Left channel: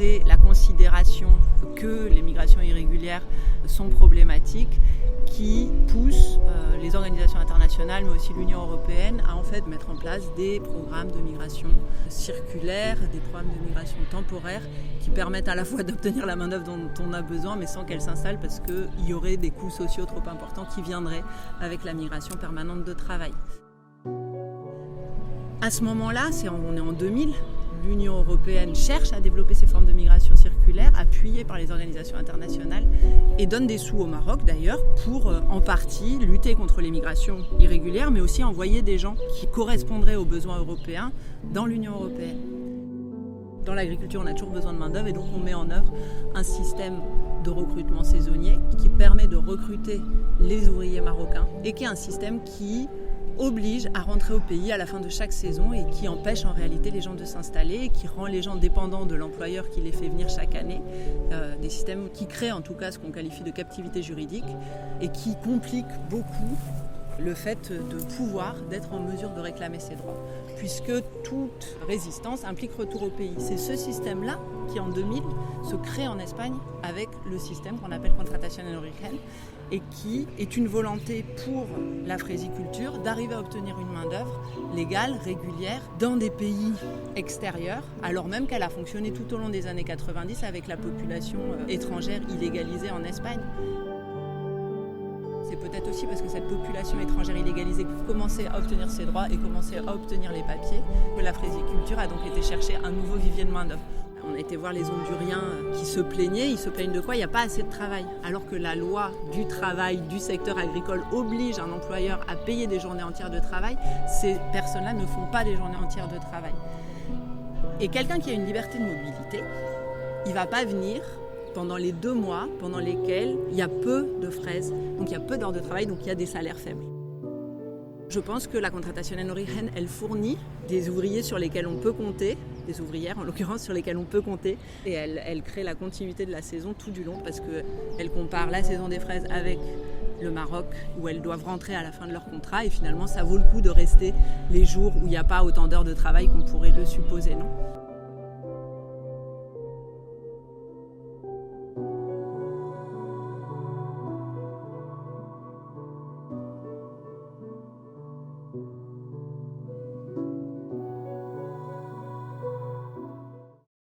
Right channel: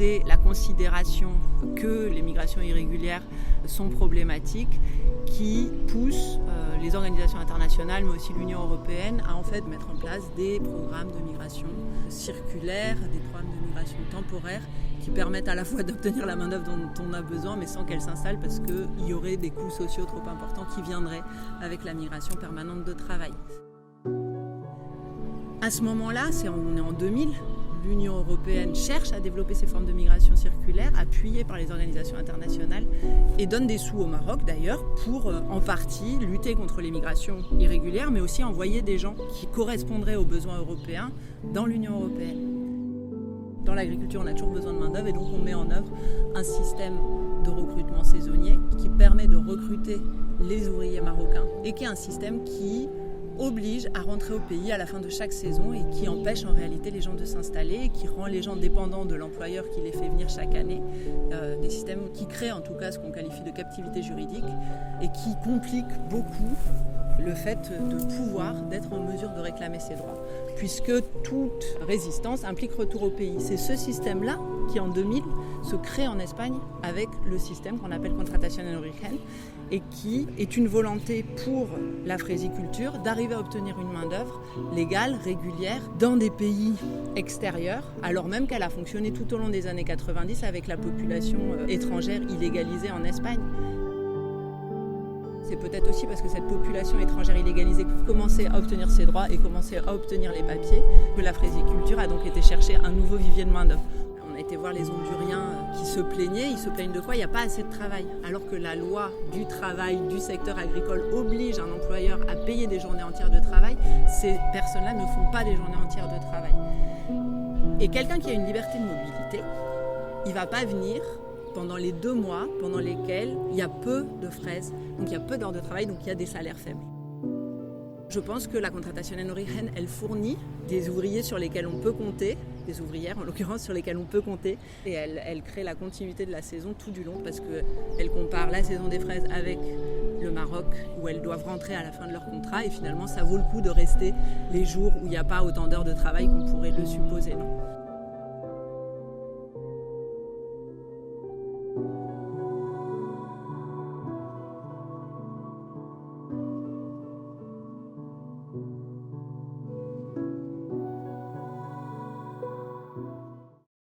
c'est la considération que les migrations irrégulières sont problématiques qui pousse les organisations internationales, mais aussi l'Union européenne, à en fait mettre en place des programmes de migration circulaire, des programmes de migration temporaire qui permettent à la fois d'obtenir la main-d'œuvre dont on a besoin, mais sans qu'elle s'installe, parce qu'il y aurait des coûts sociaux trop importants qui viendraient avec la migration permanente de travail. À ce moment-là, on est en 2000, l'Union européenne cherche à développer ces formes de migration circulaire, appuyées par les organisations internationales, et donne des sous au Maroc d'ailleurs pour en partie lutter contre les migrations irrégulières, mais aussi envoyer des gens qui correspondraient aux besoins européens dans l'Union européenne. Dans l'agriculture, on a toujours besoin de main-d'œuvre et donc on met en œuvre un système de recrutement saisonnier qui permet de recruter les ouvriers marocains et qui est un système qui oblige à rentrer au pays à la fin de chaque saison et qui empêche en réalité les gens de s'installer et qui rend les gens dépendants de l'employeur qui les fait venir chaque année. Des systèmes qui créent en tout cas ce qu'on qualifie de captivité juridique et qui compliquent beaucoup le fait d'être en mesure de réclamer ses droits, puisque toute résistance implique retour au pays. C'est ce système-là qui, en 2000, se crée en Espagne avec le système qu'on appelle Contratación en Origen et qui est une volonté pour la fraisiculture d'arriver à obtenir une main-d'œuvre légale, régulière, dans des pays extérieurs, alors même qu'elle a fonctionné tout au long des années 90 avec la population étrangère illégalisée en Espagne. C'est peut-être aussi parce que cette population étrangère illégalisée commençait à obtenir ses droits et commençait à obtenir les papiers que la fraisiculture a donc été chercher un nouveau vivier de main-d'œuvre. On a été voir les Honduriens qui se plaignaient. Ils se plaignent de quoi ? Il n'y a pas assez de travail. Alors que la loi du travail du secteur agricole oblige un employeur à payer des journées entières de travail, ces personnes-là ne font pas des journées entières de travail. Et quelqu'un qui a une liberté de mobilité, il ne va pas venir pendant les 2 mois pendant lesquels il y a peu de fraises, donc il y a peu d'heures de travail, donc il y a des salaires faibles. Je pense que la Contratación en Origen, elle fournit des ouvriers sur lesquels on peut compter, des ouvrières en l'occurrence sur lesquelles on peut compter, et elle crée la continuité de la saison tout du long parce qu'elle compare la saison des fraises avec le Maroc où elles doivent rentrer à la fin de leur contrat et finalement ça vaut le coup de rester les jours où il n'y a pas autant d'heures de travail qu'on pourrait le supposer, non ?